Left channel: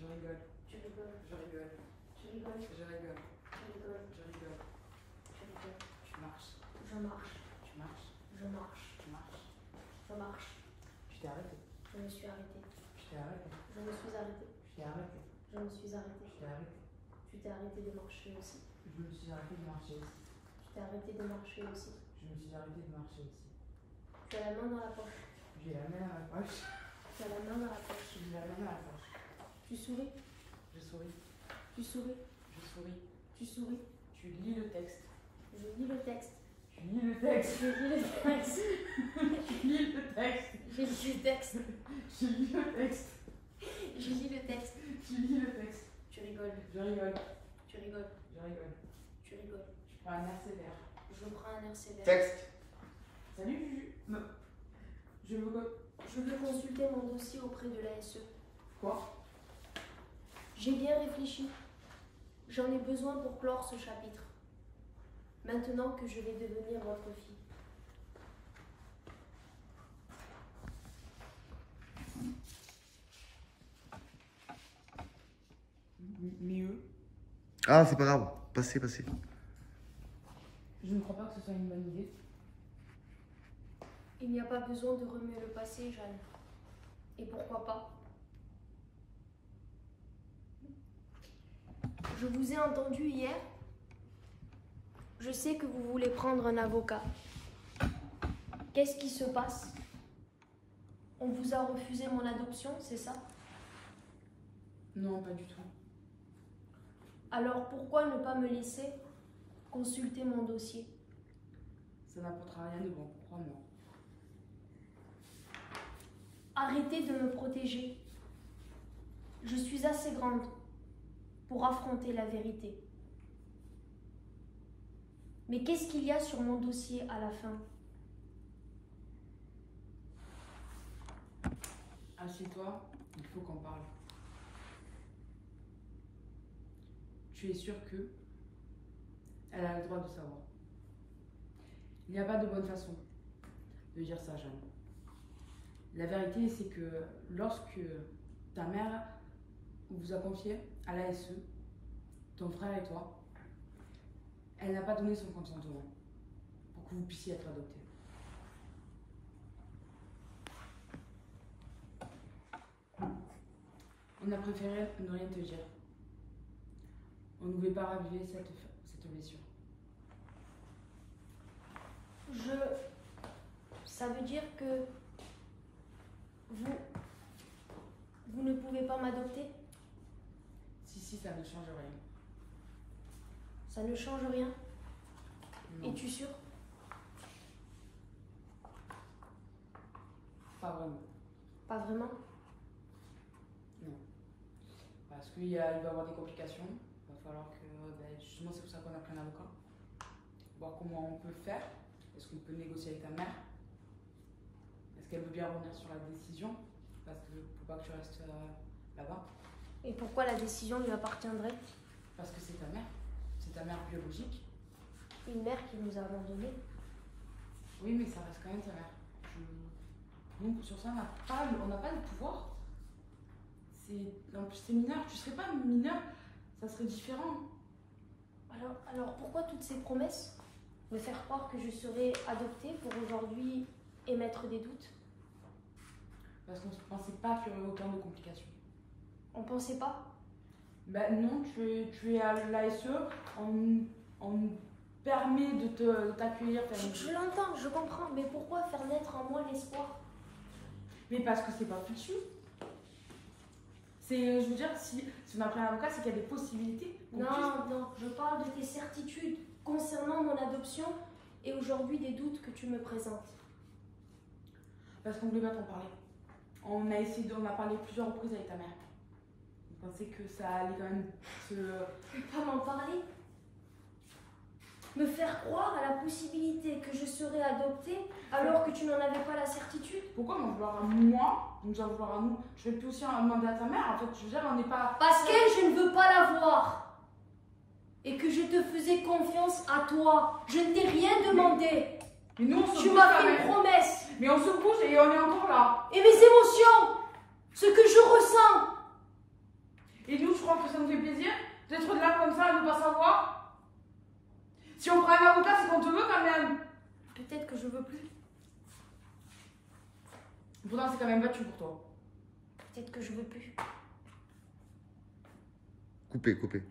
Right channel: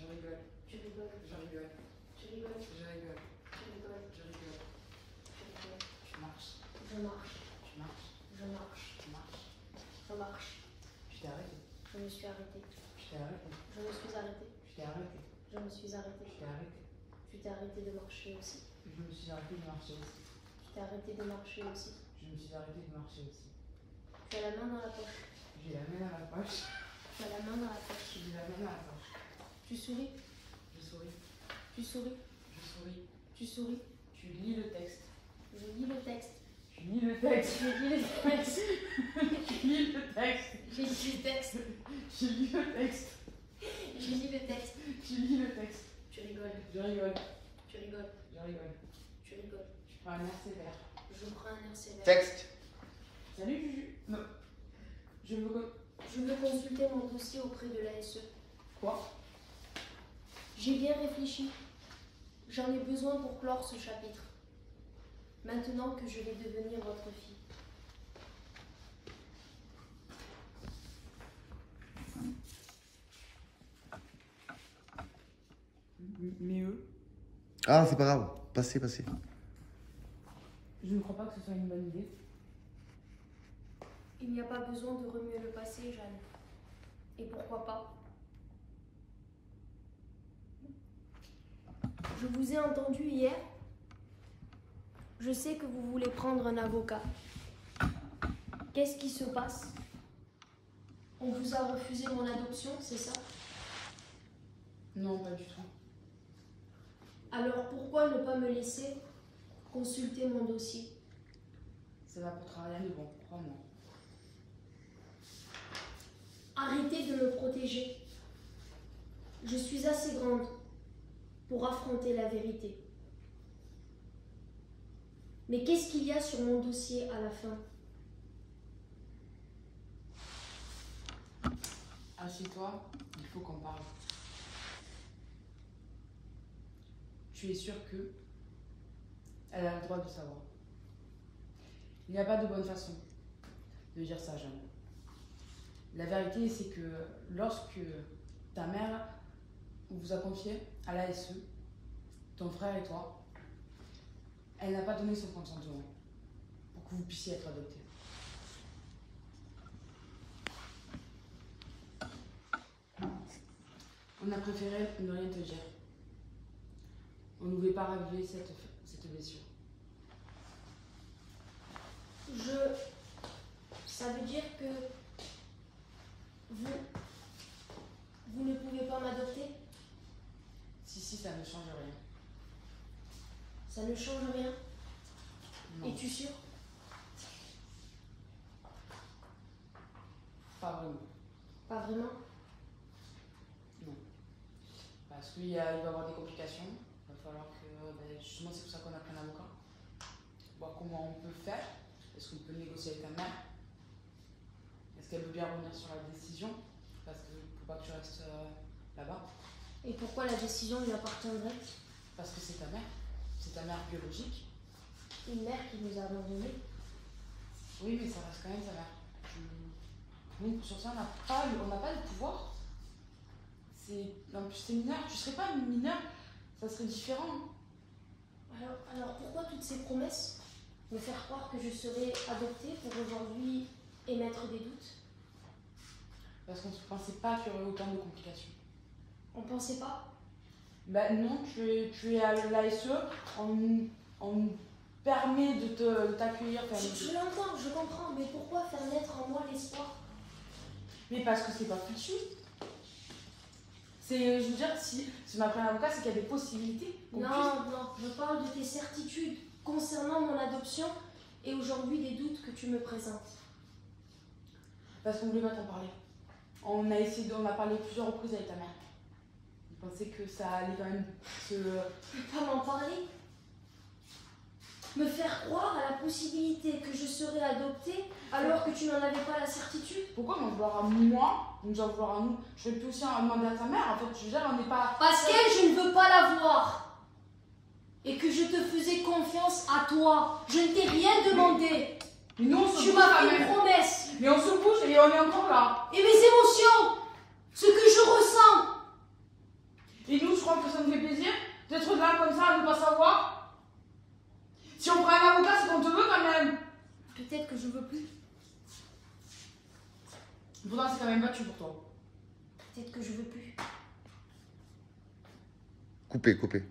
Je rigole. Tu rigoles. Je rigole. Tu rigoles. Je rigole. Tu rigoles. Je rigole. Tu rigoles. Tu marches. Je marche. Tu marches. Je marche. Tu marches. Je marche. Tu t'es arrêté. Je me suis arrêté. Tu t'es arrêté. Je me suis arrêté. Tu t'es arrêté. Je me suis arrêté. Tu t'es arrêté. Tu t'es arrêté de marcher aussi. Je me suis arrêté de marcher aussi. Tu t'es arrêté de marcher aussi. Je me suis arrêté de marcher aussi. Tu as la main dans la poche. J'ai la main dans la poche. Tu as la main dans la poche. J'ai la main dans la poche. Tu souris. Je souris. Tu souris. Je souris. Tu souris. Tu lis le texte. Je lis le texte. Tu lis le texte. Je lis le texte. Tu lis le texte. Je lis le texte. Tu lis le texte. Je lis le texte. Tu lis le texte. Tu rigoles. Je rigole. Tu rigoles. Je rigole. Tu rigoles. Je prends un air sévère. Je prends un air sévère. Texte. Salut Juju. Non. Je veux consulter mon dossier auprès de l'ASE. Quoi? J'ai bien réfléchi. J'en ai besoin pour clore ce chapitre. Maintenant que je vais devenir votre fille. Mais eux, Ah, c'est pas grave. Passez, passez. je ne crois pas que ce soit une bonne idée. Il n'y a pas besoin de remuer le passé, Jeanne. Et pourquoi pas? Je vous ai entendu hier. Je sais que vous voulez prendre un avocat. Qu'est-ce qui se passe? On vous a refusé mon adoption, c'est ça? Non, pas du tout. Alors pourquoi ne pas me laisser consulter mon dossier? Ça n'apportera rien de bon, crois-moi. Arrêtez de me protéger. Je suis assez grande pour affronter la vérité. Mais qu'est-ce qu'il y a sur mon dossier à la fin? Assieds-toi, il faut qu'on parle. Tu es sûr que elle a le droit de savoir. Il n'y a pas de bonne façon de dire ça, Jeanne. La vérité, c'est que lorsque ta mère vous a confié à l'ASE, ton frère et toi, elle n'a pas donné son consentement pour que vous puissiez être adoptés. On a préféré ne rien te dire. On ne voulait pas raviver cette blessure. Ça veut dire que vous ne pouvez pas m'adopter? Si, ça ne change rien. Ça ne change rien. Non, Es-tu sûr? pas vraiment. Pas vraiment? Non. Parce qu'il va y avoir des complications. Il va falloir que, justement, c'est pour ça qu'on a pris un avocat. Voir comment on peut faire. Est-ce qu'on peut négocier avec ta mère? Est-ce qu'elle veut bien revenir sur la décision? Parce qu'il ne faut pas que tu restes là-bas. Et pourquoi la décision lui appartiendrait? Parce que c'est ta mère. C'est ta mère biologique. Une mère qui nous a abandonnés. Oui, mais ça reste quand même ta mère. Nous, sur ça, on n'a pas de pouvoir. En plus, c'est mineur. Tu serais pas mineur, ça serait différent. Alors pourquoi toutes ces promesses? Me faire croire que je serais adoptée pour aujourd'hui émettre des doutes? Parce qu'on ne pensait pas qu'il y aurait autant de complications. On pensait pas? Ben non, tu es à l'ASE, on permet de t'accueillir. Je l'entends, je comprends, mais pourquoi faire naître en moi l'espoir? Mais parce que c'est pas fichu. Je veux dire, si ma première avocat, c'est qu'il y a des possibilités. Non, je parle de tes certitudes concernant mon adoption et aujourd'hui des doutes que tu me présentes. Parce qu'on ne voulait pas t'en parler. On a parlé plusieurs reprises avec ta mère. On pensait que ça allait quand même se... Pas m'en parler? Me faire croire à la possibilité que je serais adoptée alors que tu n'en avais pas la certitude? Pourquoi m'en vouloir à moi? Nous en vouloir à nous? Je vais plus aussi en demander à ta mère. En fait, je veux dire, on n'est pas... Parce qu'elle, je ne veux pas la voir. Et que je te faisais confiance à toi. Je ne t'ai rien demandé. Mais nous, on se Tu bouge m'as quand fait même. une promesse. Mais on se bouge et on est encore là. Et mes émotions, ce que je ressens. ça à ne pas savoir? Si on prend un avocat, c'est qu'on te veut quand même. Peut-être que je veux plus. Pourtant, c'est quand même battu pour toi. Peut-être que je veux plus. Coupé, coupé.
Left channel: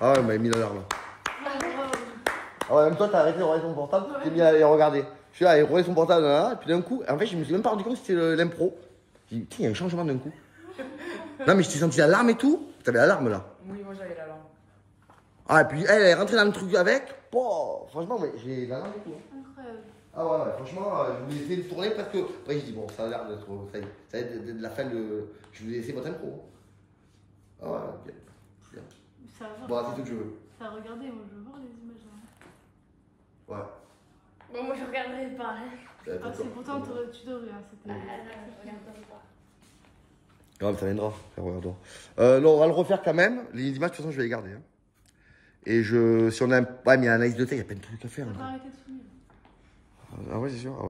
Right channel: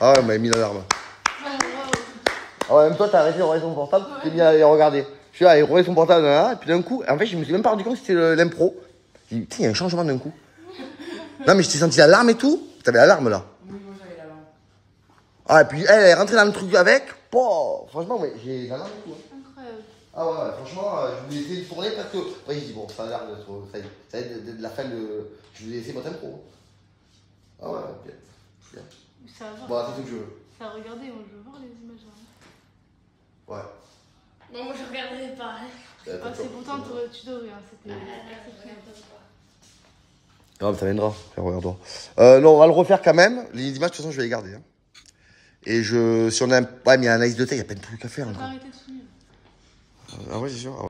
Ah ouais, on m'avait mis l'alarme. Ah ouais, même toi, t'as arrêté de regarder ton portable, tu t'es mis à regarder. Je suis là, il regarde son portable, là, et puis d'un coup, en fait, je me suis même pas rendu compte que c'était l'impro. J'ai dit, tiens, il y a un changement d'un coup. Non, mais je t'ai senti l'alarme et tout. T'avais l'alarme là. Oui, moi j'avais l'alarme. Ah, et puis elle est rentrée dans le truc avec. Oh, franchement, mais j'ai l'alarme et tout. Hein. Incroyable. Ah ouais, ouais, franchement, je voulais essayer de tourner parce que. Ouais, j'ai dit, bon, ça a l'air d'être. Ça va être de la fin de. Je voulais essayer votre impro. Ah ouais, bien. Bien. Ça va. Bon, c'est ce que je veux. Ça regardez, moi je veux voir les images. Ouais. Non, moi je regarderai pas. C'est pourtant tu devrais. C'était. Ah, ça viendra, regarde-toi. Non, on va le refaire quand même. Les images, de toute façon, je vais les garder. Hein. Et si on a un. Ouais, mais il y a un analyse de thé, il y a plein de trucs à faire. T'as Encore. pas arrêté de finir. Ah ouais, c'est sûr.